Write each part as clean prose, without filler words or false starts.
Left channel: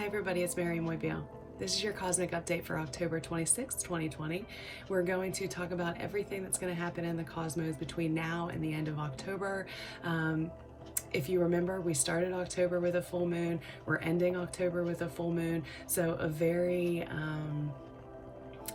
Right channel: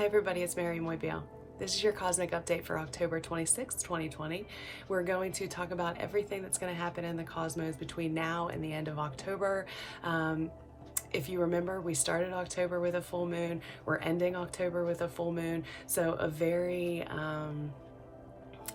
Hi everybody, it's Mairi. This is your cosmic update for October 26th, 2020. We're going to talk about everything that's going to happen in the cosmos between now and the end of October. If you remember, we started October with a full moon. We're ending October with a full moon. So a very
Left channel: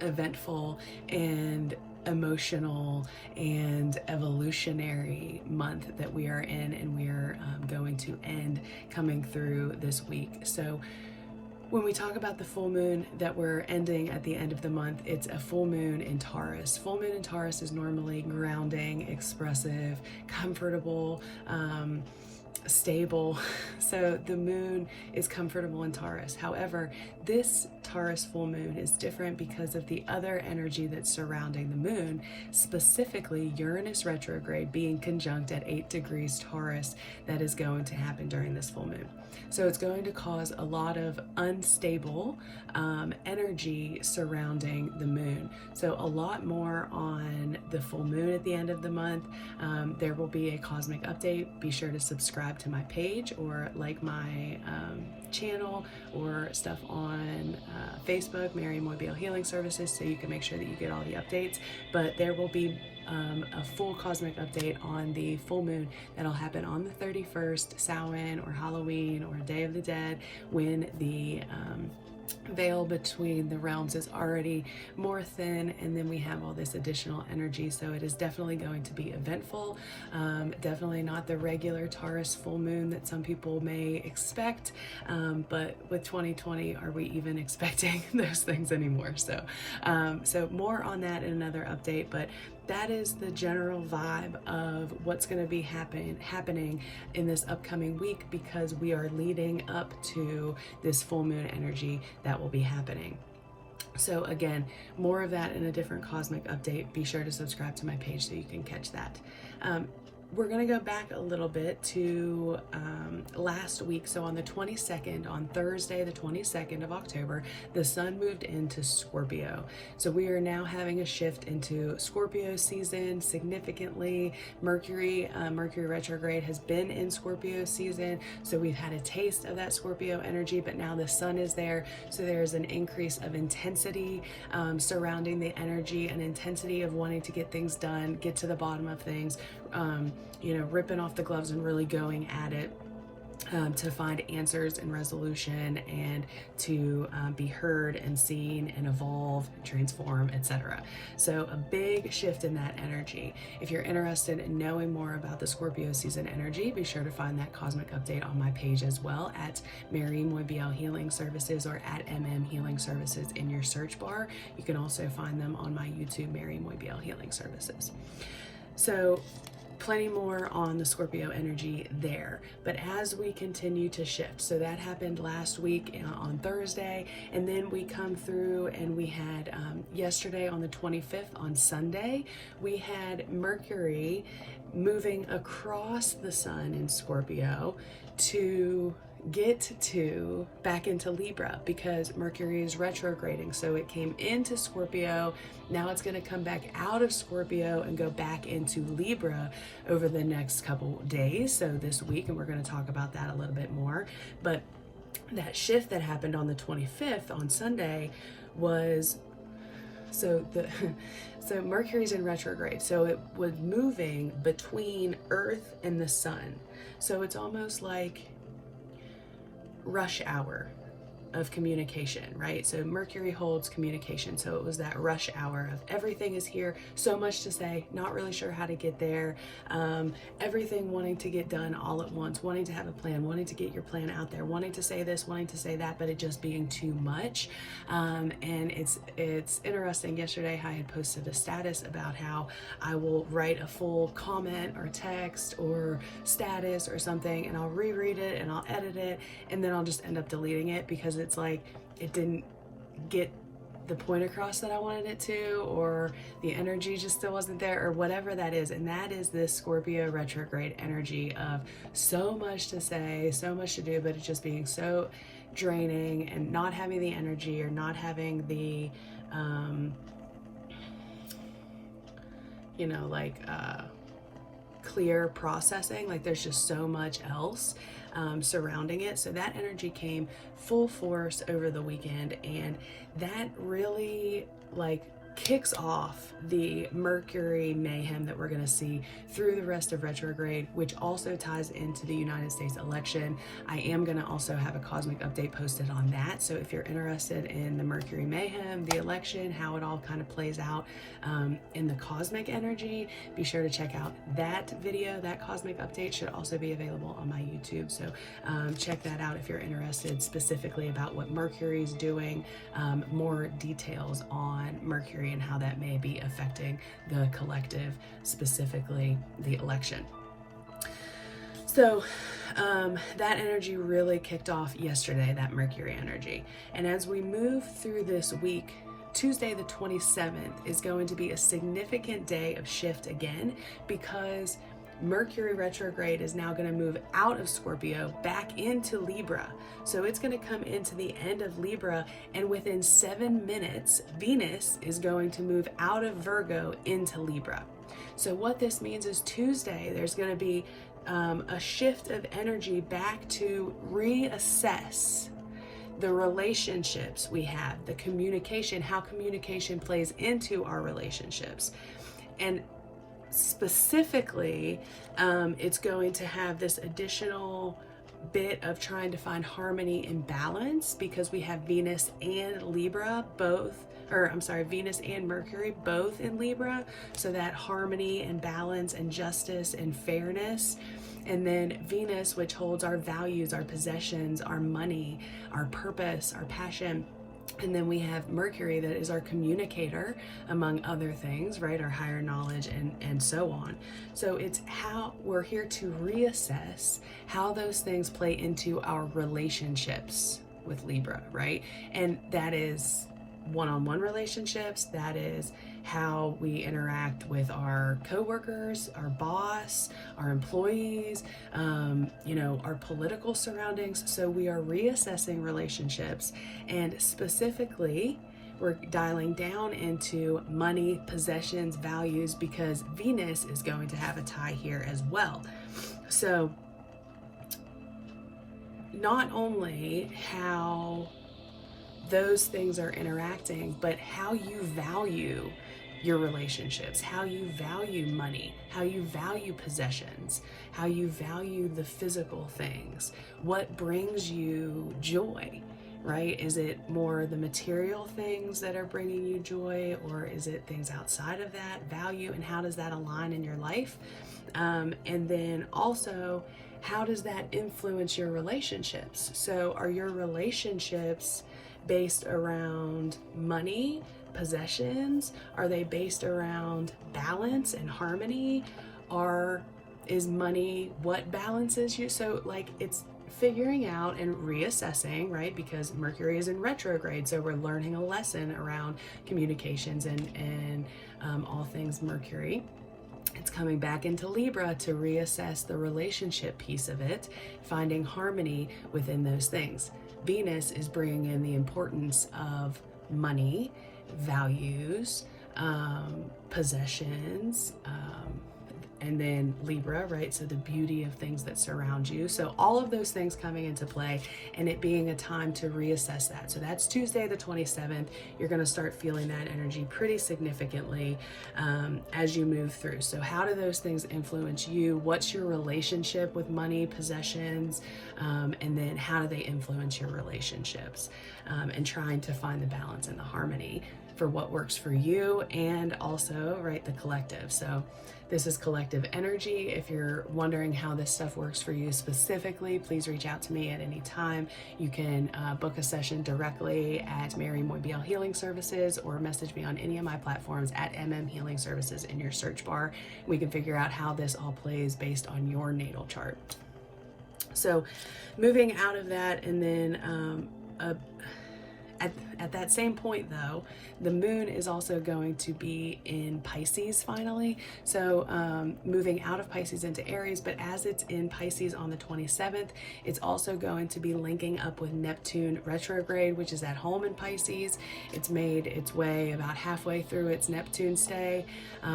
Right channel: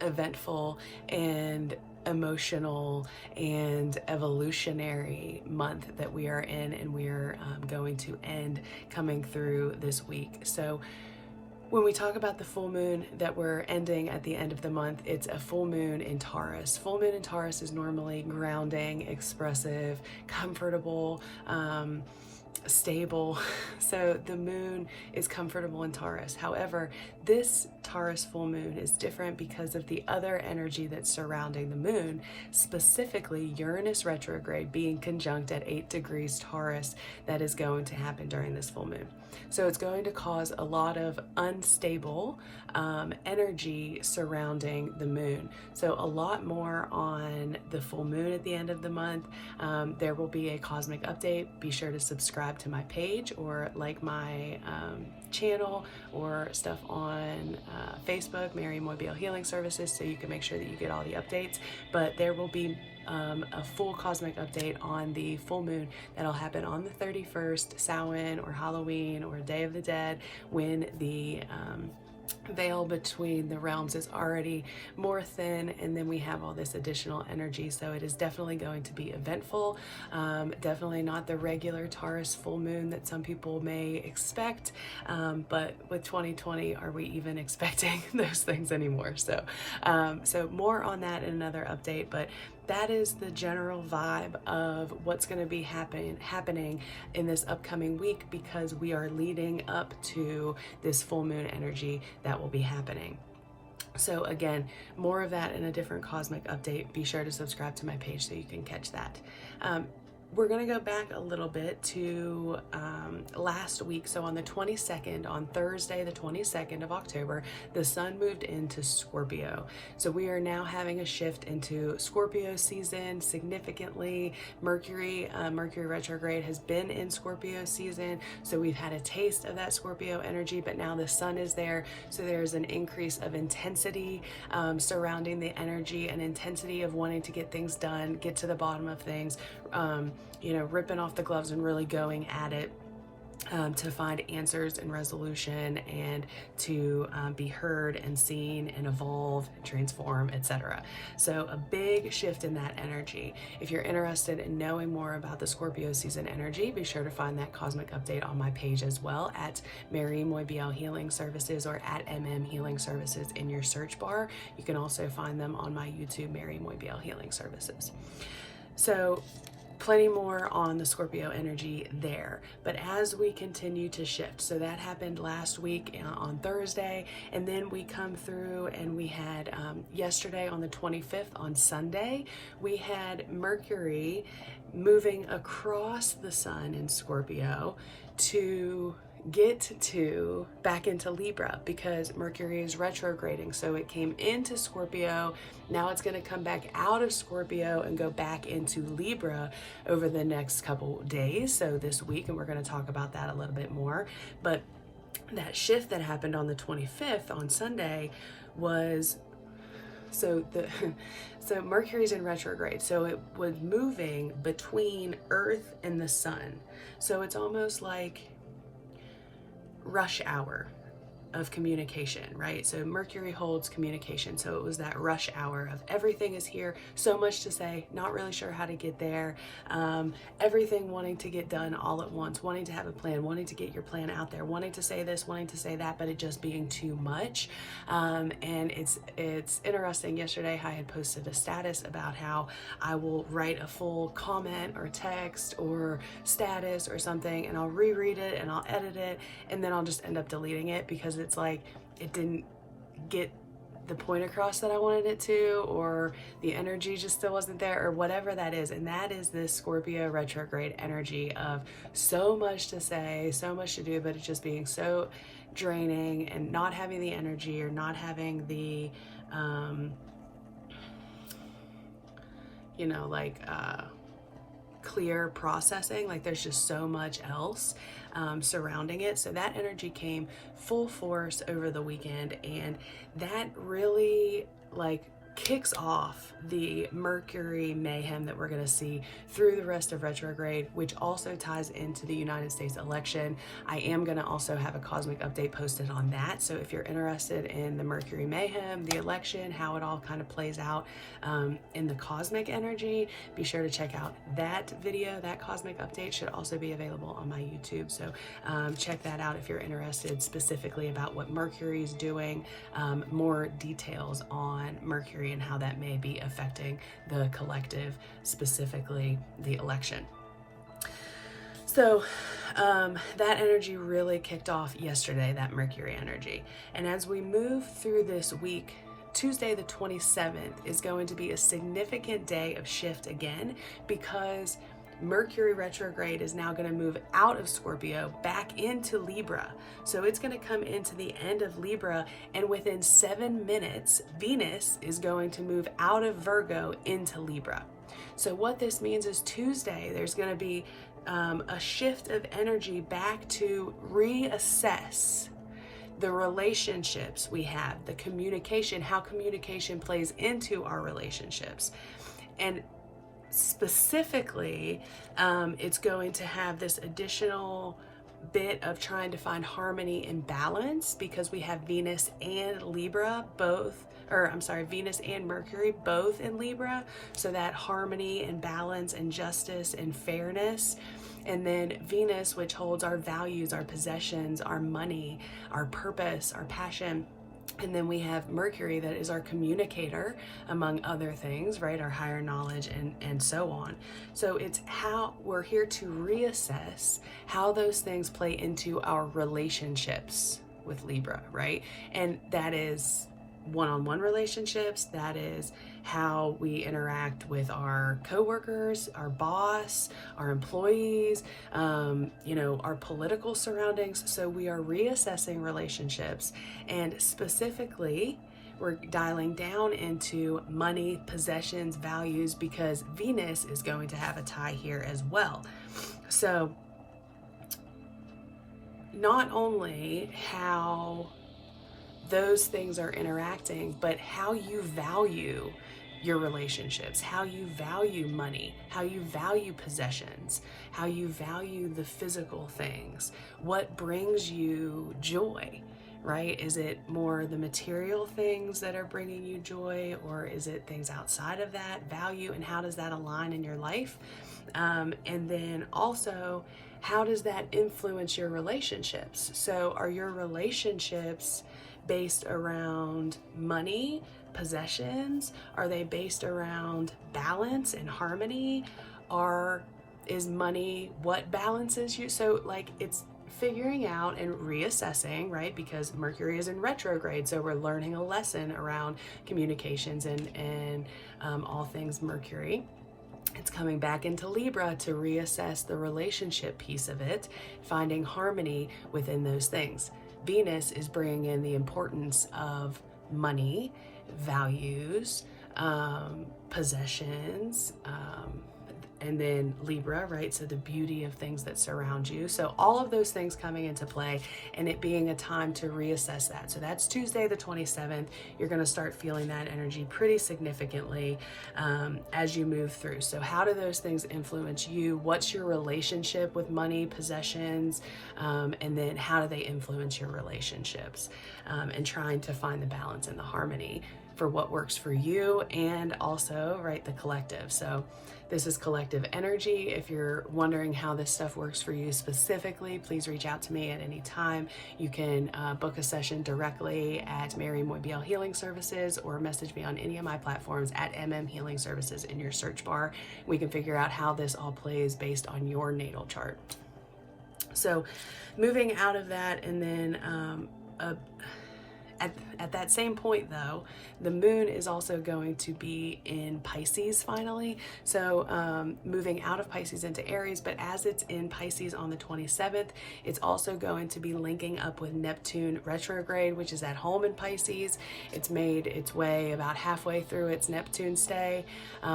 eventful and emotional and evolutionary month that we are in, and we are going to end coming through this week. So when we talk about the full moon that we're ending at the end of the month, it's a full moon in Taurus. Full moon in Taurus is normally grounding, expressive, comfortable, stable. So the moon is comfortable in Taurus. However, this Taurus full moon is different because of the other energy that's surrounding the moon, specifically Uranus retrograde being conjunct at 8 degrees Taurus. That is going to happen during this full moon. So it's going to cause a lot of unstable energy surrounding the moon. So a lot more on the full moon at the end of the month. There will be a cosmic update. Be sure to subscribe to my page or like my channel or stuff on Facebook, Mairi Healing Services, so you can make sure that you get all the updates. But there will be a full cosmic update on the full moon that'll happen on the 31st, Samhain or Halloween or Day of the Dead, when the veil between the realms is already more thin, and then we have all this additional energy. So it is definitely going to be eventful. Definitely not the regular Taurus full moon that some people may expect, but with 2020, are we even expecting those things anymore? So so more on that in another update, but that is the general vibe of what's going to be happening in this upcoming week, because we are leading up to this full moon energy that will be happening. So again, more of that in a different cosmic update. Be sure to subscribe to my page so you can catch that. We're going to go back a little bit to last week. So on the 22nd, on Thursday, the 22nd of October, the sun moved into Scorpio. So we are now having a shift into Scorpio season significantly. Mercury retrograde has been in Scorpio season. So we've had a taste of that Scorpio energy, but now the sun is there. So there's an increase of intensity surrounding the energy, an intensity of wanting to get things done, get to the bottom of things, you know, ripping off the gloves and really going at it to find answers and resolution, and to be heard and seen and evolve and transform, etc. So a big shift in that energy. If you're interested in knowing more about the Scorpio season energy, be sure to find that cosmic update on my page as well, at Mairi Healing Services or at Healing Services in your search bar. You can also find them on my YouTube, Mairi Healing Services. So plenty more on the Scorpio energy there. But as we continue to shift, so that happened last week on Thursday, and then we come through and we had yesterday on the 25th, on Sunday, we had Mercury moving across the sun in Scorpio to get to back into Libra, because Mercury is retrograding. So it came into Scorpio, now it's going to come back out of Scorpio and go back into Libra over the next couple days, so this week, and we're going to talk about that a little bit more. But that shift that happened on the 25th, on Sunday, was so Mercury's in retrograde, so it was moving between Earth and the sun. So it's almost like rush hour of communication, right? So Mercury holds communication. So it was that rush hour of everything is here, so much to say, not really sure how to get there, everything wanting to get done all at once, wanting to have a plan, wanting to get your plan out there, wanting to say this, wanting to say that, but it just being too much. And it's interesting. Yesterday I had posted a status about how I will write a full comment or text or status or something, and I'll reread it and I'll edit it, and then I'll just end up deleting it because it's like it didn't get the point across that I wanted it to, or the energy just still wasn't there, or whatever that is. And that is this Scorpio retrograde energy of so much to say, so much to do, but it's just being so draining and not having the energy, or not having the you know, like clear processing. Like there's just so much else surrounding it. So that energy came full force over the weekend, and that really like kicks off the Mercury mayhem that we're going to see through the rest of retrograde, which also ties into the United States election. I am going to also have a cosmic update posted on that. So if you're interested in the Mercury mayhem, the election, how it all kind of plays out in the cosmic energy, be sure to check out that video. That cosmic update should also be available on my YouTube. So check that out if you're interested specifically about what Mercury is doing, more details on Mercury and how that may be affecting the collective, specifically the election. So that energy really kicked off yesterday, that Mercury energy. And as we move through this week, Tuesday the 27th is going to be a significant day of shift again, because Mercury retrograde is now going to move out of Scorpio back into Libra. So it's going to come into the end of Libra, and within 7 minutes, Venus is going to move out of Virgo into Libra. So what this means is Tuesday, there's going to be a shift of energy back to reassess the relationships we have, the communication, how communication plays into our relationships. And specifically, it's going to have this additional bit of trying to find harmony and balance, because we have Venus and Libra both, or I'm sorry, Venus and Mercury both in Libra. So that harmony and balance and justice and fairness. And then Venus, which holds our values, our possessions, our money, our purpose, our passion. And then we have Mercury, that is our communicator, among other things, right? Our higher knowledge and so on. So it's how we're here to reassess how those things play into our relationships with Libra, right? And that is one-on-one relationships. That is how we interact with our coworkers, our boss, our employees, our political surroundings. So we are reassessing relationships, and specifically, we're dialing down into money, possessions, values, because Venus is going to have a tie here as well. So not only how those things are interacting, but how you value your relationships, how you value money, how you value possessions, how you value the physical things, what brings you joy, right? Is it more the material things that are bringing you joy, or is it things outside of that value, and how does that align in your life? And then also, how does that influence your relationships? So are your relationships based around money, possessions? Are they based around balance and harmony? Is money what balances you? So like, it's figuring out and reassessing, right? Because Mercury is in retrograde, so we're learning a lesson around communications and all things Mercury. It's coming back into Libra to reassess the relationship piece of it, finding harmony within those things. Venus is bringing in the importance of money, values, possessions, and then Libra, right? So the beauty of things that surround you. So all of those things coming into play, and it being a time to reassess that. So that's Tuesday the 27th. You're going to start feeling that energy pretty significantly as you move through. So how do those things influence you? What's your relationship with money, possessions? And then how do they influence your relationships? And trying to find the balance and the harmony for what works for you, and also, right, the collective. So this is collective energy. If you're wondering how this stuff works for you specifically, please reach out to me at any time. You can book a session directly at Mairi Healing Services, or message me on any of my platforms at mmhealing services in your search bar. We can figure out how this all plays based on your natal chart. So moving out of that, and then at that same point though, the moon is also going to be in Pisces finally. So moving out of Pisces into Aries, but as it's in Pisces on the 27th, it's also going to be linking up with Neptune retrograde, which is at home in Pisces. It's made its way about halfway through its Neptune stay.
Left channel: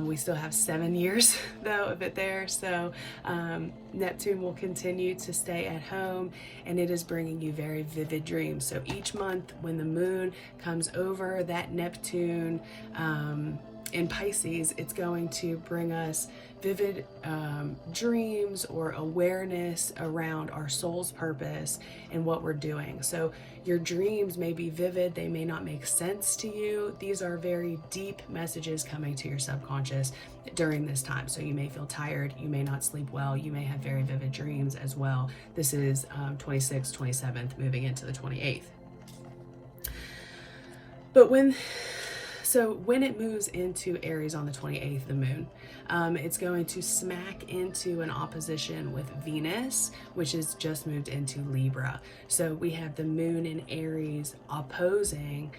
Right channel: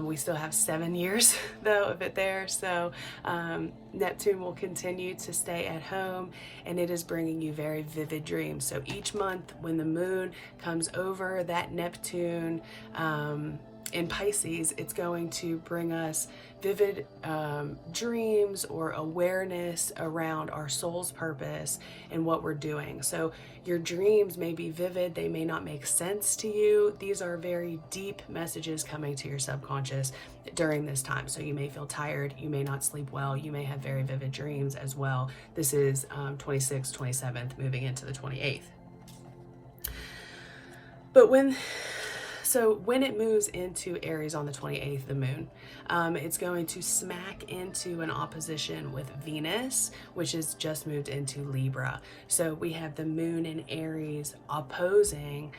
We still have 7 years though of it there. So Neptune will continue to stay at home, and it is bringing you very vivid dreams. So each month when the moon comes over that Neptune in Pisces, it's going to bring us vivid dreams or awareness around our soul's purpose and what we're doing. So your dreams may be vivid, they may not make sense to you. These are very deep messages coming to your subconscious during this time. So you may feel tired, you may not sleep well, you may have very vivid dreams as well. This is 26th, 27th, moving into the 28th. But when it moves into Aries on the 28th, the moon, it's going to smack into an opposition with Venus, which has just moved into Libra. So we have the moon in Aries opposing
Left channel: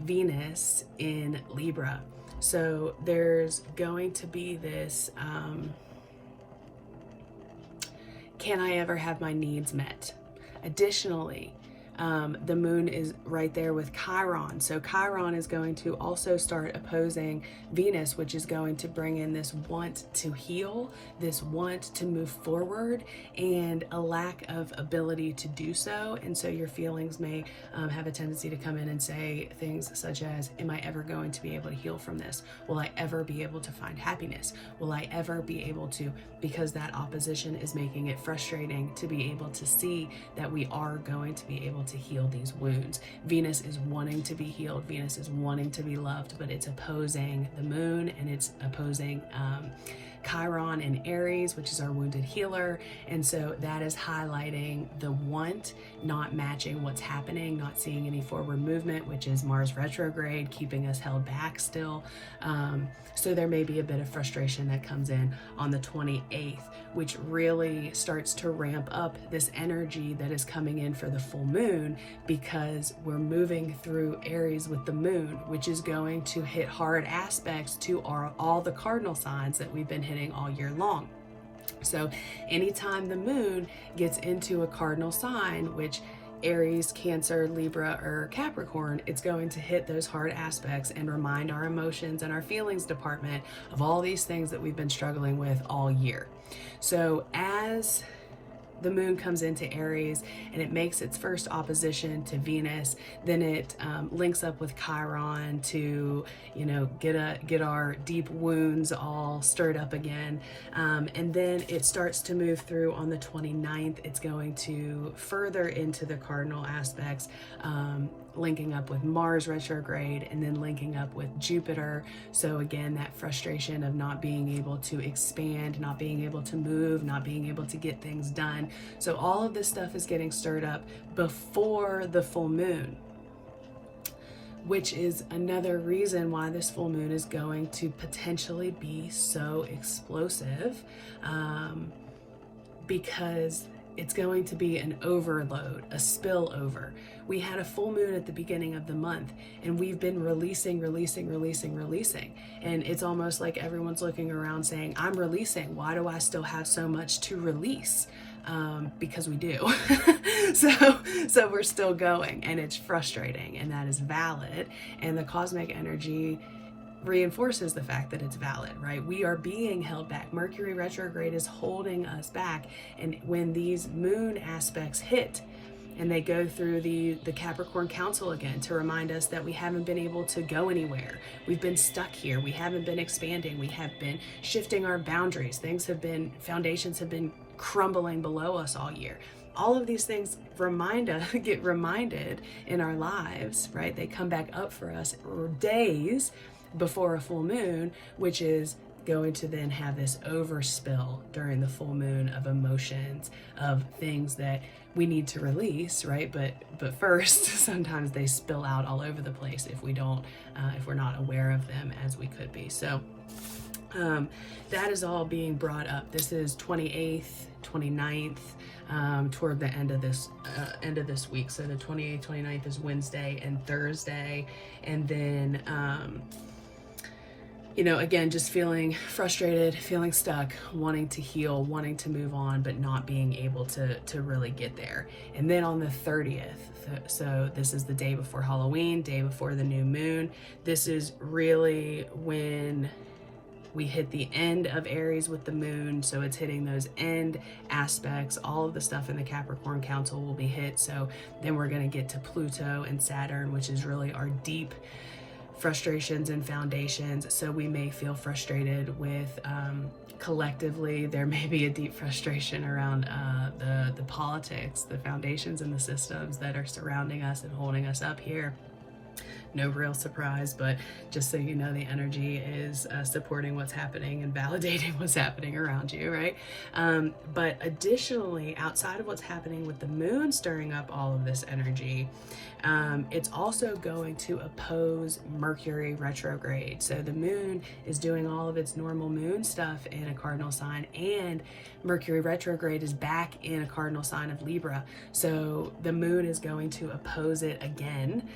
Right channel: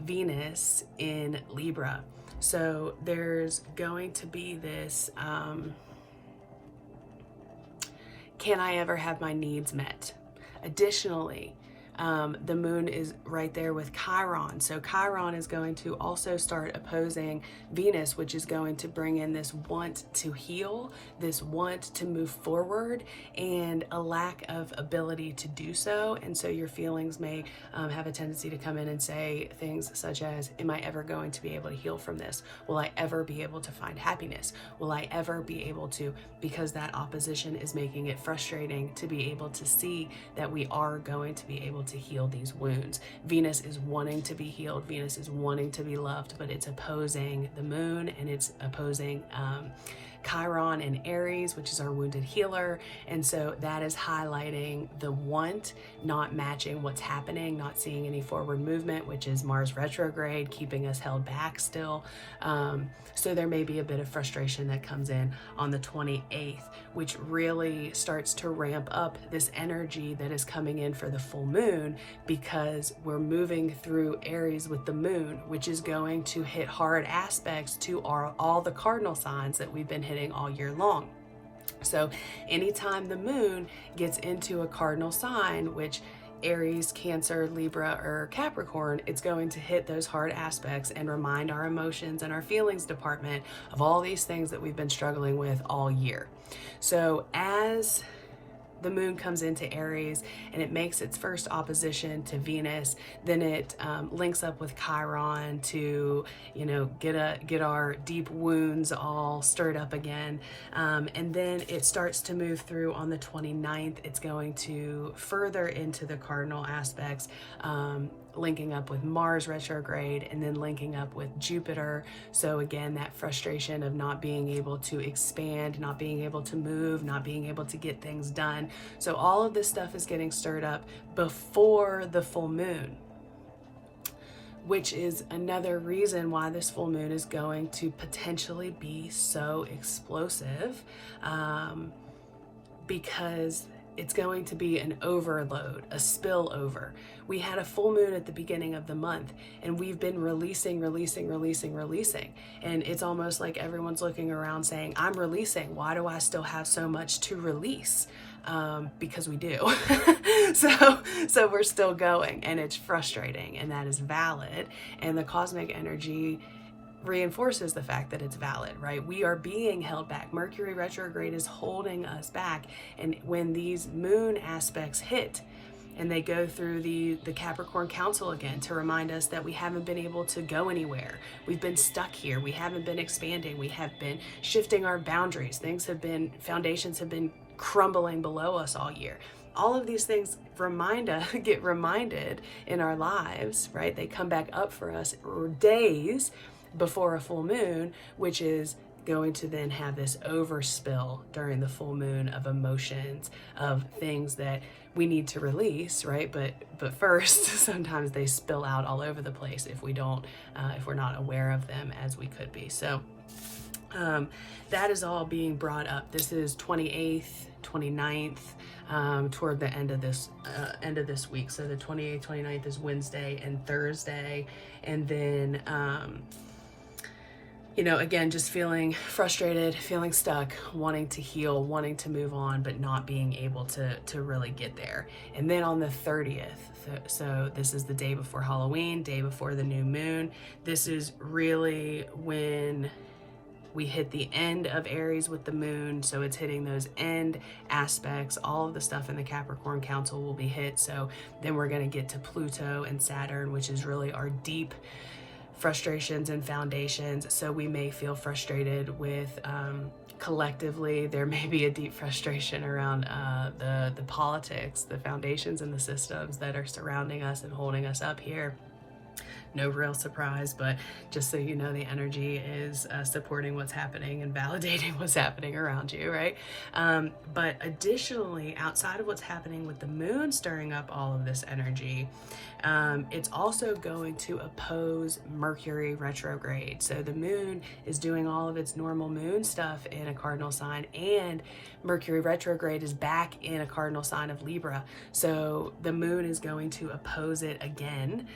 Venus in Libra. So there's going to be this, can I ever have my needs met? Additionally, the moon is right there with Chiron. So Chiron is going to also start opposing Venus, which is going to bring in this want to heal, this want to move forward, and a lack of ability to do so. And so your feelings may have a tendency to come in and say things such as, am I ever going to be able to heal from this? Will I ever be able to find happiness? Will I ever be able to, because that opposition is making it frustrating to be able to see that we are going to be able to heal these wounds. Venus is wanting to be healed. Venus is wanting to be loved, but it's opposing the moon, and it's opposing Chiron in Aries, which is our wounded healer. And so that is highlighting the want not matching what's happening, not seeing any forward movement, which is Mars retrograde, keeping us held back still. So there may be a bit of frustration that comes in on the 28th, which really starts to ramp up this energy that is coming in for the full moon, because we're moving through Aries with the moon, which is going to hit hard aspects to all the cardinal signs that we've been hitting all year long. So anytime the moon gets into a cardinal sign, which Aries, Cancer, Libra, or Capricorn, it's going to hit those hard aspects and remind our emotions and our feelings department of all these things that we've been struggling with all year. So as the moon comes into Aries and it makes its first opposition to Venus, then it links up with Chiron to, get our deep wounds all stirred up again. And then it starts to move through on the 29th. It's going to further into the cardinal aspects, linking up with Mars retrograde and then linking up with Jupiter. So again, that frustration of not being able to expand, not being able to move, not being able to get things done. So all of this stuff is getting stirred up before the full moon, which is another reason why this full moon is going to potentially be so explosive, because it's going to be an overload, a spillover. We had a full moon at the beginning of the month, and we've been releasing. And it's almost like everyone's looking around saying, I'm releasing. Why do I still have so much to release? Because we do. So we're still going, and it's frustrating, and that is valid. And the cosmic energy reinforces the fact that it's valid, right? We are being held back. Mercury retrograde is holding us back. And when these moon aspects hit, and they go through the Capricorn Council again to remind us that we haven't been able to go anywhere. We've been stuck here. We haven't been expanding. We have been shifting our boundaries. Foundations have been crumbling below us all year. All of these things get reminded in our lives, right? They come back up for us days before a full moon, which is going to then have this overspill during the full moon of emotions, of things that we need to release, right? But first, sometimes they spill out all over the place if we're not aware of them as we could be. So that is all being brought up. This is 28th, 29th, toward the end of this week. So the 28th, 29th is Wednesday and Thursday, and then again, just feeling frustrated, feeling stuck, wanting to heal, wanting to move on, but not being able to really get there. And then on the 30th, so this is the day before Halloween, day before the new moon, this is really when We hit the end of Aries with the moon, so it's hitting those end aspects. All of the stuff in the Capricorn Council will be hit. So then we're going to get to Pluto and Saturn, which is really our deep frustrations and foundations. So we may feel frustrated with collectively, there may be a deep frustration around the politics, the foundations and the systems that are surrounding us and holding us up here. No real surprise, but just so you know, the energy is supporting what's happening and validating what's happening around you, right? But additionally, outside of what's happening with the moon stirring up all of this energy, it's also going to oppose Mercury retrograde. So the moon is doing all of its normal moon stuff in a cardinal sign, and Mercury retrograde is back in a cardinal sign of Libra. So the moon is going to oppose it again.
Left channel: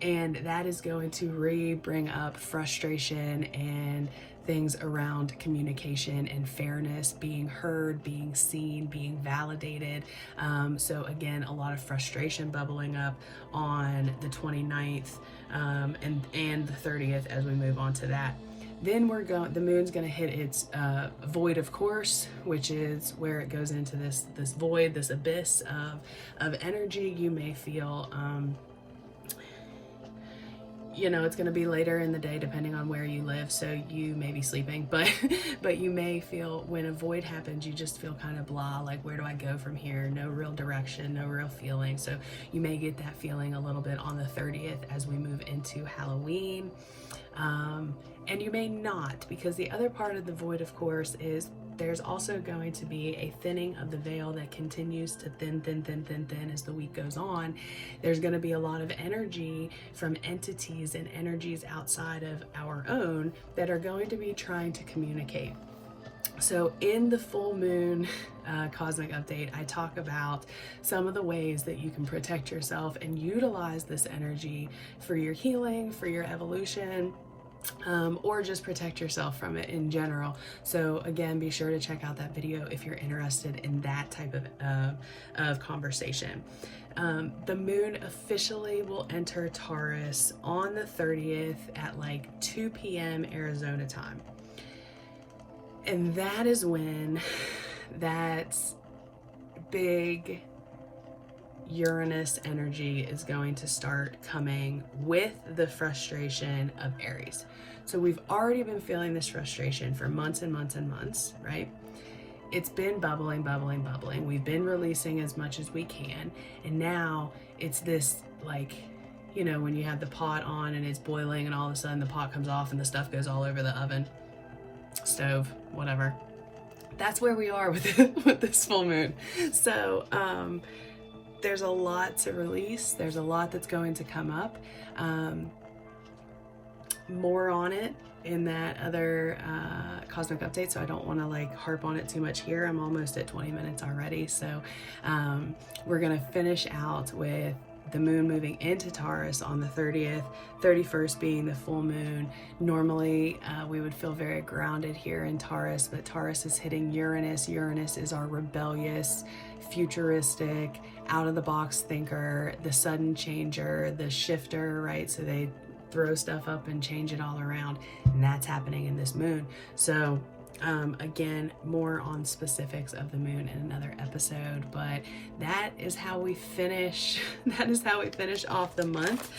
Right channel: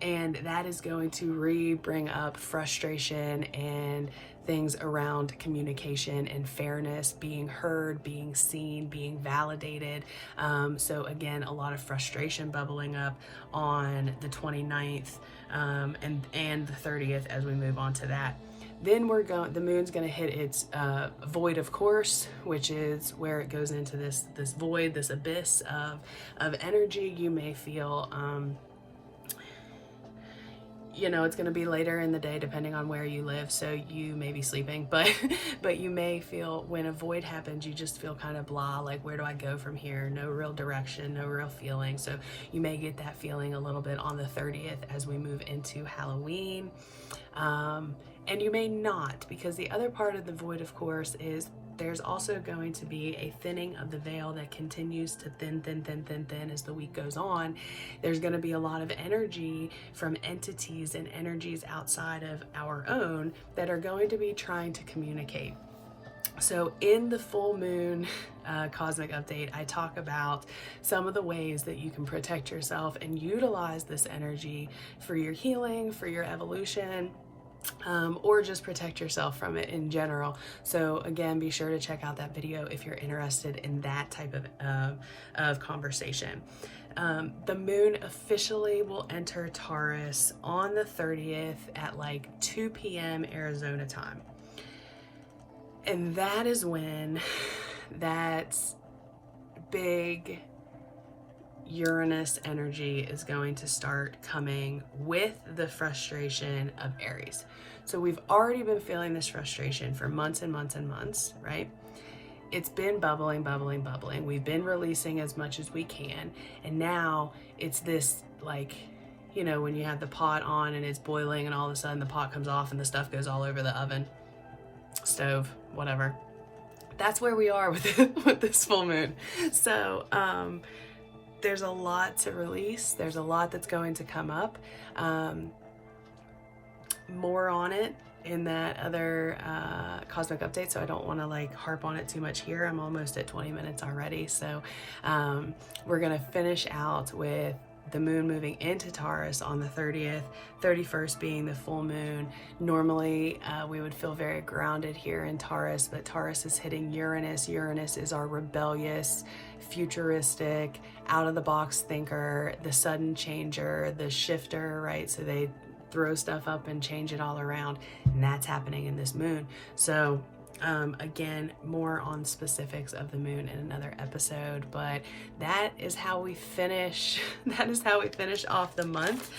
And that is going to bring up frustration and things around communication and fairness, being heard, being seen, being validated. So again, a lot of frustration bubbling up on the 29th and the 30th as we move on to that. Then the moon's going to hit its void of course, which is where it goes into this void, this abyss of energy. You may feel you know, it's going to be later in the day depending on where you live, so you may be sleeping, but you may feel, when a void happens, you just feel kind of blah, like, where do I go from here? No real direction, no real feeling. So you may get that feeling a little bit on the 30th as we move into Halloween. And you may not, because the other part of the void, of course, is there's also going to be a thinning of the veil that continues to thin as the week goes on. There's going to be a lot of energy from entities and energies outside of our own that are going to be trying to communicate. So in the full moon cosmic update, I talk about some of the ways that you can protect yourself and utilize this energy for your healing, for your evolution, or just protect yourself from it in general. So again, be sure to check out that video if you're interested in that type of conversation. The moon officially will enter Taurus on the 30th at like 2 p.m. Arizona time. And that is when that big Uranus energy is going to start coming with the frustration of Aries. So we've already been feeling this frustration for months and months and months, right? It's been bubbling. We've been releasing as much as we can. And now it's this, like, you know, when you have the pot on and it's boiling and all of a sudden the pot comes off and the stuff goes all over the oven, stove, whatever. That's where we are with this full moon. So, there's a lot to release. There's a lot that's going to come up. More on it in that other cosmic update, so I don't want to like harp on it too much here. I'm almost at 20 minutes already. So we're going to finish out with the moon moving into Taurus on the 30th, 31st being the full moon. Normally, we would feel very grounded here in Taurus, but Taurus is hitting Uranus. Uranus is our rebellious, futuristic, out-of-the-box thinker, the sudden changer, the shifter, right? So they throw stuff up and change it all around, and that's happening in this moon. So again, more on specifics of the moon in another episode, but that is how we finish off the month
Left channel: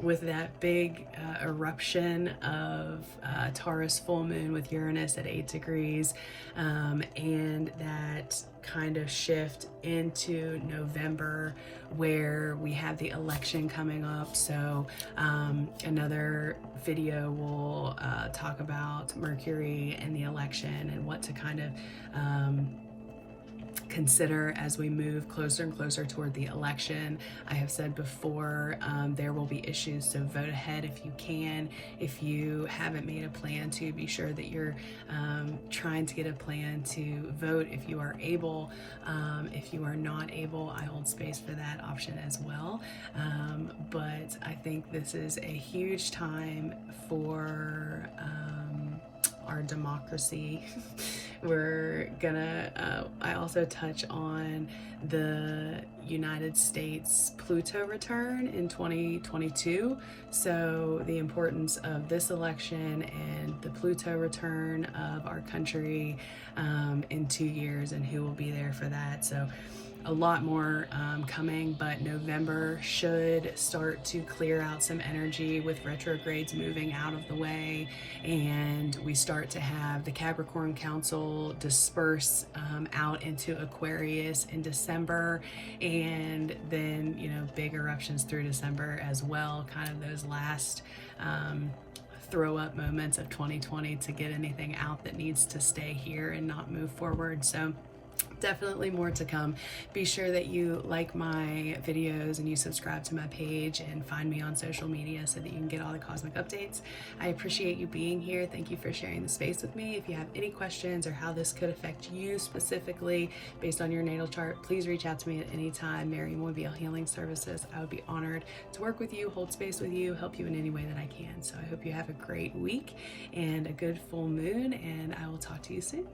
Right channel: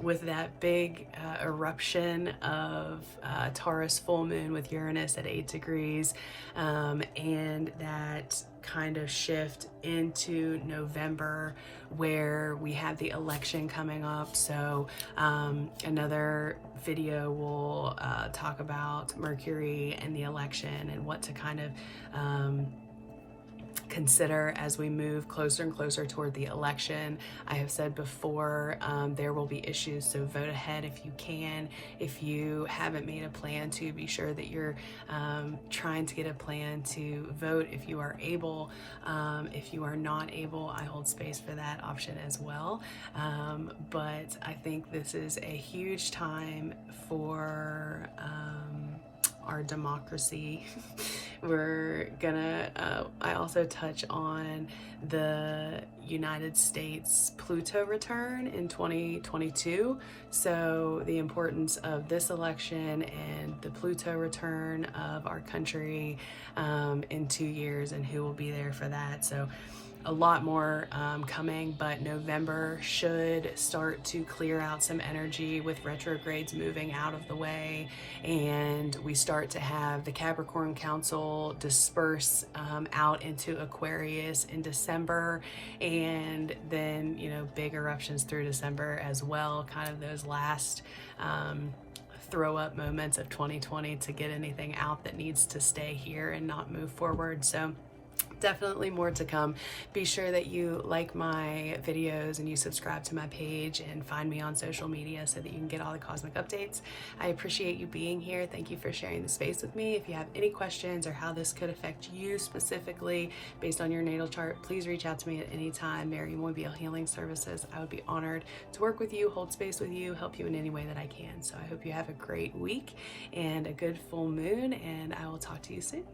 with that big eruption of Taurus full moon with Uranus at 8 degrees, and that kind of shift into November where we have the election coming up. So another video will talk about Mercury and the election and what to kind of consider as we move closer and closer toward the election. I have said before, there will be issues, so vote ahead if you can. If you haven't made a plan to, be sure that you're trying to get a plan to vote if you are able. If you are not able, I hold space for that option as well. But I think this is a huge time for our democracy. We're gonna, I also touch on the United States Pluto return in 2022. So the importance of this election and the Pluto return of our country in 2 years, and who will be there for that. So a lot more coming, but November should start to clear out some energy with retrogrades moving out of the way, and we start to have the Capricorn Council disperse out into Aquarius in December, and then, you know, big eruptions through December as well, kind of those last throw up moments of 2020 to get anything out that needs to stay here and not move forward. So definitely more to come. Be sure that you like my videos and you subscribe to my page and find me on social media so that you can get all the cosmic updates. I appreciate you being here. Thank you for sharing the space with me. If you have any questions or how this could affect you specifically based on your natal chart, please reach out to me at any time. Mairi Healing Services. I would be honored to work with you, hold space with you, help you in any way that I can. So I hope you have a great week and a good full moon, and I will talk to you soon.